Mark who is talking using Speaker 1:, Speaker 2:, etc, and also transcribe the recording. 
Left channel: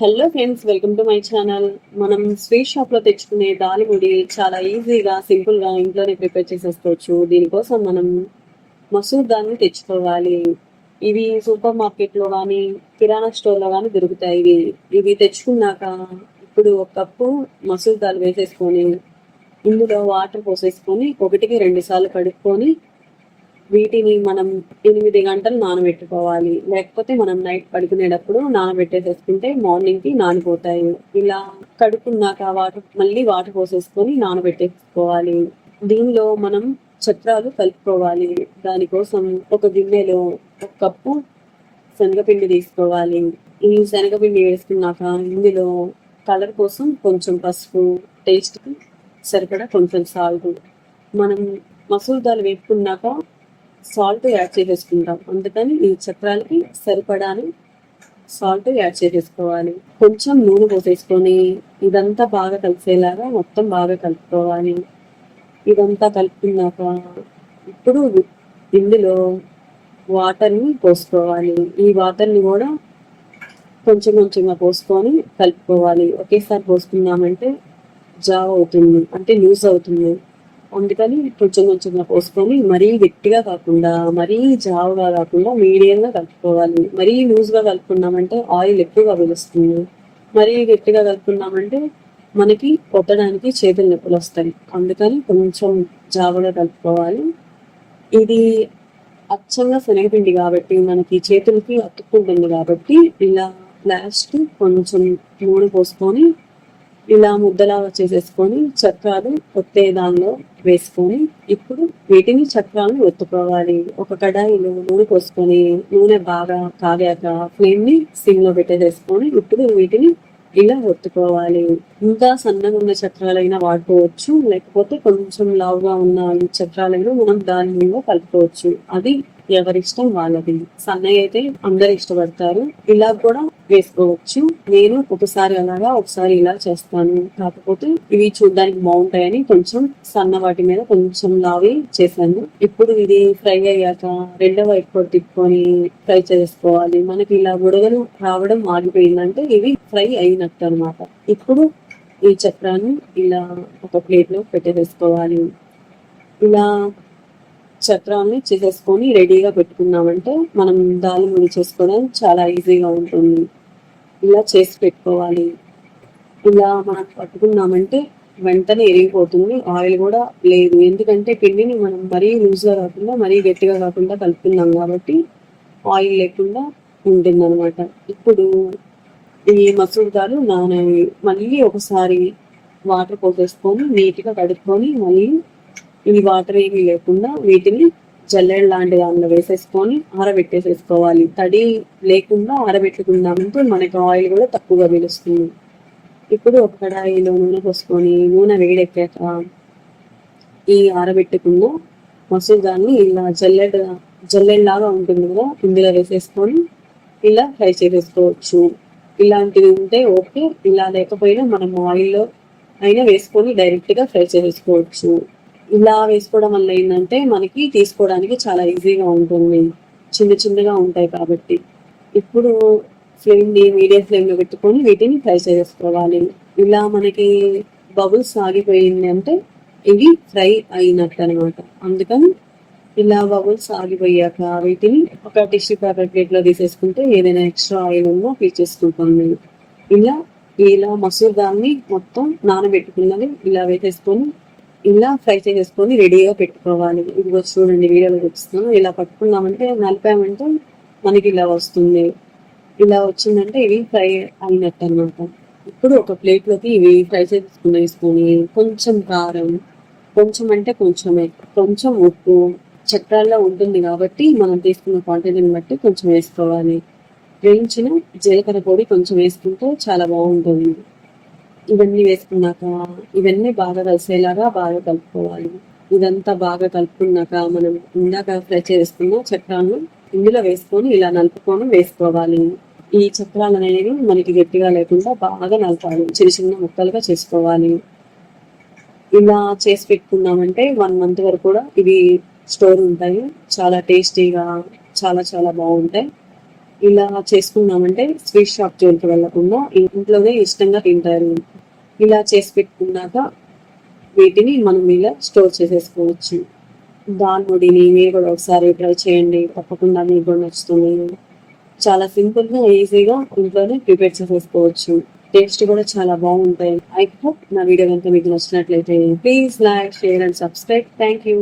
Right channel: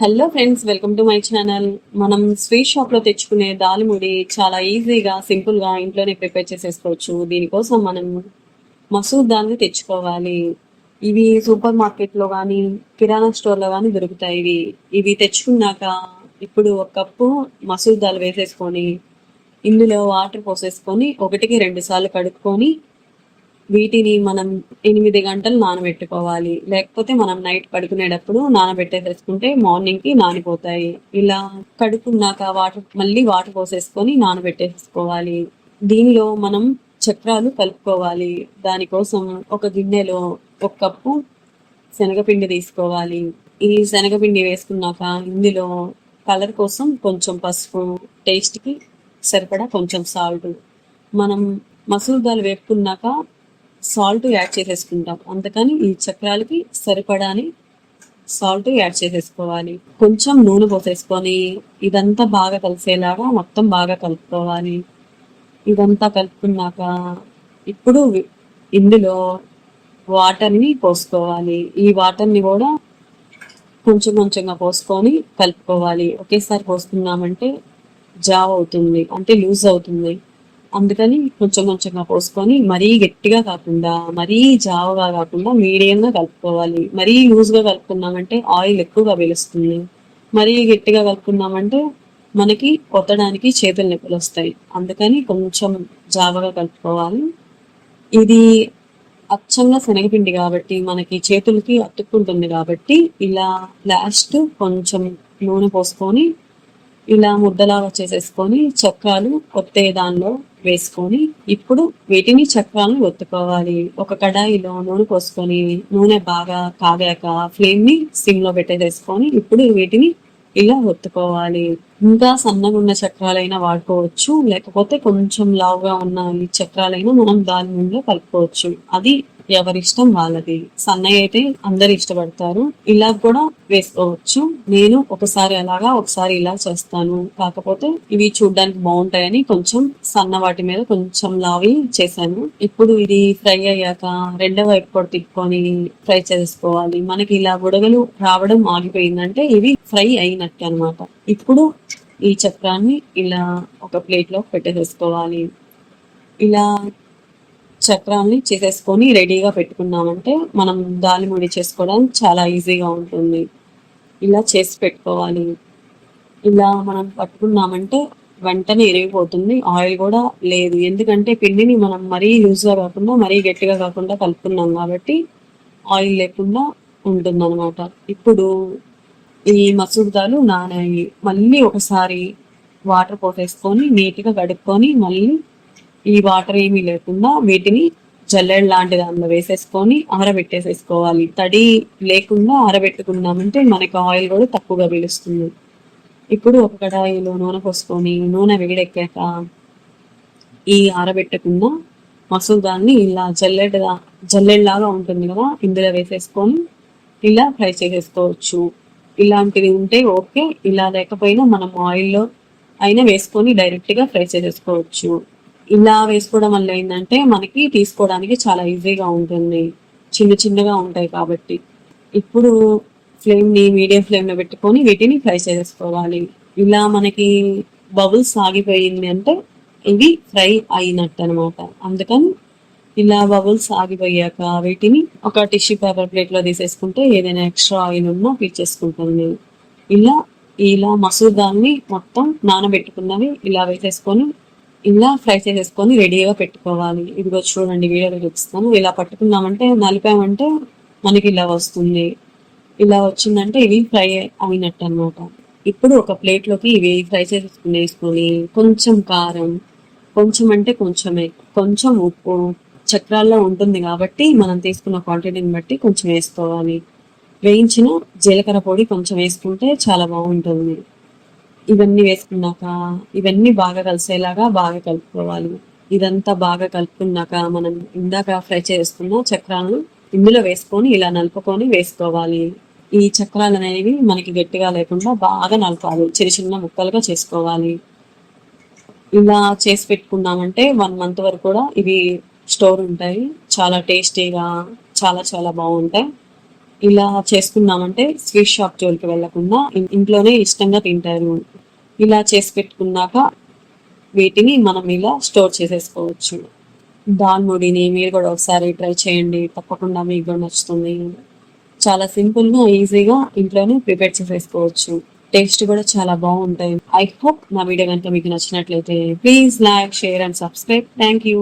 Speaker 1: Hello friends welcome to my channel మనం sweet షాప్లో తెచ్చుకునే దాలిముడి చాలా ఈజీగా సింపుల్గా ఇంట్లోనే ప్రిపేర్ చేసేసుకోవచ్చు. దీనికోసం మనం మసూర్ దాల్ని తెచ్చుకోవాలి. ఇవి సూపర్ మార్కెట్లో కానీ కిరాణా స్టోర్లో కానీ దొరుకుతాయి. ఇవి ఇవి తెచ్చుకున్నాక ఇప్పుడు ఒక కప్పు మసూర్ దాల్ వేసేసుకొని ఇందులో వాటర్ పోసేసుకొని ఒకటికి రెండు సార్లు కడుక్కొని వీటిని మనం ఎనిమిది గంటలు నానబెట్టుకోవాలి. లేకపోతే మనం నైట్ పడుకునేటప్పుడు నానబెట్టేసేసుకుంటే మార్నింగ్కి నానిపోతాయి. ఇలా కడుక్కున్నాక వాటర్ మళ్ళీ వాటర్ పోసేసుకొని నానబెట్టేసుకోవాలి. దీనిలో మనం చక్రాలు కలుపుకోవాలి. దానికోసం ఒక గిన్నెలో ఒక కప్పు శనగపిండి తీసుకోవాలి. ఈ శనగపిండి వేసుకున్నాక ఇందులో కలర్ కోసం కొంచెం పసుపు టేస్ట్కి సరిపడా కొంచెం సాల్ట్. మనం మసూర్ దాల్ వేపుకున్నాక సాల్ట్ యాడ్ చేసేసుకుంటాం. అందుకని ఈ చక్రాలకి సరిపడాని సాల్ట్ యాడ్ చేసేసుకోవాలి. కొంచెం నూనె పోసేసుకొని ఇదంతా బాగా కలిసేలాగా మొత్తం బాగా కలుపుకోవాలి. ఇదంతా కలుపుకున్నాక ఇప్పుడు ఇందులో వాటర్ని పోసుకోవాలి. ఈ వాటర్ని కూడా కొంచెం కొంచెంగా పోసుకొని కలుపుకోవాలి. ఒకేసారి పోసుకున్నామంటే జావ్ అవుతుంది. అంటే లూజ్ అవుతుంది. అందుకని కొంచెం కొంచెంగా పోసుకొని మరీ గట్టిగా కాకుండా మరీ జావగా కాకుండా మీడియంగా కలుపుకోవాలి. మరీ లూజ్గా కలుపుకున్నామంటే ఆయిల్ ఎక్కువగా పిలుస్తుంది. మరీ గట్టిగా కలుపుకున్నామంటే మనకి కొత్తడానికి చేతులు నొప్పులు వస్తాయి. అందుకని కొంచెం జావగా కలుపుకోవాలి. ఇది అచ్చంగా శనగపిండి కాబట్టి మనకి చేతులకి అతుక్కుంటుంది కాబట్టి ఇలా లాస్ట్ కొంచెం నూనె పోసుకొని ఇలా ముద్దలాగా చేసేసుకొని చక్రాలు ఒత్తే దానిలో వేసుకొని ఇప్పుడు వీటిని చక్రాలను ఒత్తుకోవాలి. ఒక కడాయిలో నూనె పోసుకొని నూనె బాగా కాగాక ఫ్లేమ్ని సిమ్లో పెట్టేసేసుకొని ఇప్పుడు వీటిని ఇలా ఒత్తుకోవాలి. ఇంకా సన్నగా ఉన్న చక్రాలైనా వాడుకోవచ్చు. లేకపోతే కొంచెం లావుగా ఉన్న ఈ చక్రాలైనా మనం దాని మీద కలుపుకోవచ్చు. అది ఎవరిష్టం వాళ్ళది. సన్నయ్య అయితే అందరు ఇష్టపడతారు. ఇలా కూడా వేసుకోవచ్చు. నేను ఒకసారి అలాగా ఒకసారి ఇలా చేస్తాను. కాకపోతే ఇవి చూడడానికి బాగుంటాయని కొంచెం సన్న వాటి మీద కొంచెం లావి చేశాను. ఇప్పుడు ఇది ఫ్రై అయ్యాక రెండో వైపు కూడా తిప్పుకొని ఫ్రై చేసుకోవాలి. మనకి ఇలా బుడగలు రావడం ఆగిపోయిందంటే ఇవి ఫ్రై అయినట్టు అనమాట ఇప్పుడు ఈ చక్రాన్ని ఇలా ఒక ప్లేట్లో పెట్టేసేసుకోవాలి. ఇలా చక్రాన్ని చేసేసుకొని రెడీగా పెట్టుకున్నామంటే మనం దాలిముడి చేసుకోవడం చాలా ఈజీగా ఉంటుంది. ఇలా చేసి పెట్టుకోవాలి. ఇలా మనం పట్టుకున్నామంటే వెంటనే ఎరిగిపోతుంది ఆయిల్ కూడా లేదు. ఎందుకంటే పిండిని మనం మరీ లూజ్గా కాకుండా మరీ గట్టిగా కాకుండా కలుపుకున్నాం కాబట్టి ఆయిల్ లేకుండా ఉంటుంది అనమాట ఇప్పుడు ఈ మసూర్ దాలు నానేవి మళ్ళీ ఒకసారి వాటర్ పోసేసుకొని నీట్గా కడుక్కొని మళ్ళీ ఈ వాటర్ ఏమీ లేకుండా వీటిని జల్లెడ లాంటి దానిలో వేసేసుకొని ఆరబెట్టేసేసుకోవాలి. తడి లేకుండా ఆరబెట్టుకున్నామంటే మనకు ఆయిల్ కూడా తక్కువగా పీలుస్తుంది. ఇప్పుడు ఒక కడాయిలో నూనె పోసుకొని నూనె వేడెక్కాక ఈ ఆరబెట్టుకున్న మసూర్ దాన్ని ఇలా జల్లెడ జల్లెడలాగా ఉంటుంది కదా ఇందులో వేసేసుకొని ఇలా ఫ్రై చేసేసుకోవచ్చు. ఇలాంటివి ఉంటే ఓకే. ఇలా లేకపోయినా మనం ఆయిల్లో అయినా వేసుకొని డైరెక్ట్గా ఫ్రై చేసేసుకోవచ్చు. ఇలా వేసుకోవడం వల్ల ఏంటంటే మనకి తీసుకోవడానికి చాలా ఈజీగా ఉంటుంది. చిన్న చిన్నగా ఉంటాయి కాబట్టి. ఇప్పుడు ఫ్లేమ్ని మీడియం ఫ్లేమ్లో పెట్టుకొని వీటిని ఫ్రై చేసేసుకోవాలి. ఇలా మనకి బబుల్స్ ఆగిపోయింది అంటే ఇవి ఫ్రై అయినట్టు అనమాట అందుకని ఇలా బబుల్స్ ఆగిపోయాక వీటిని ఒక టిష్యూ పేపర్ ప్లేట్లో తీసేసుకుంటే ఏదైనా ఎక్స్ట్రా ఆయిల్ ఉన్నా పీల్చేసుకుంటుంది ఇలా ఇలా మసూర్ దాన్ని మొత్తం నానబెట్టుకున్నవి ఇలా వేసేసుకొని ఇలా ఫ్రై చేసేసుకొని రెడీగా పెట్టుకోవాలి. ఇదిగో చూడండి వీడియోలో చూపిస్తాను ఇలా పట్టుకున్నామంటే నలిపామంటే మనకి ఇలా వస్తుంది. ఇలా వచ్చిందంటే ఇవి ఫ్రై అయినట్టు అన్నమాట ఇప్పుడు ఒక ప్లేట్లోకి ఇవి ఫ్రై చేసుకుని వేసుకొని కొంచెం కారం కొంచెం అంటే కొంచెమే కొంచెం ఉప్పు చక్రాల్లో ఉంటుంది కాబట్టి మనం తీసుకున్న క్వాంటిటీని బట్టి కొంచెం వేసుకోవాలి. వేయించిన జీలకర్ర పొడి కొంచెం వేసుకుంటే చాలా బాగుంటుంది. ఇవన్నీ వేసుకున్నాక ఇవన్నీ బాగా కలిసేలాగా బాగా కలుపుకోవాలి. ఇదంతా బాగా కలుపుకున్నాక మనం ఇందాక ఫ్రై చేసుకున్న చక్రాలను ఇందులో వేసుకొని ఇలా నలుపుకొని వేసుకోవాలి. ఈ చక్రాలు అనేవి మనకి గట్టిగా లేకుండా బాగా నలపాలి. చిన్న చిన్న ముక్కలుగా చేసుకోవాలి. ఇలా చేసి పెట్టుకున్నామంటే వన్ మంత్ వరకు కూడా ఇవి స్టోర్ ఉంటాయి. చాలా టేస్టీగా చాలా చాలా బాగుంటాయి. ఇలా చేసుకున్నామంటే స్వీట్ షాప్ జోలికి వెళ్ళకుండా ఇంట్లోనే ఇష్టంగా తింటారు. ఇలా చేసి పెట్టుకున్నాక వీటిని మనం ఇలా స్టోర్ చేసేసుకోవచ్చు. దాల్ముడిని మీరు కూడా ఒకసారి ట్రై చేయండి. తప్పకుండా మీకు కూడా నచ్చుతుంది. చాలా సింపుల్గా ఈజీగా ఇంట్లోనే ప్రిపేర్ చేసేసుకోవచ్చు. టేస్ట్ కూడా చాలా బాగుంటాయి. ఐ హోప్ నా వీడియో కనుక మీకు నచ్చినట్లయితే please like share and subscribe. Thank you.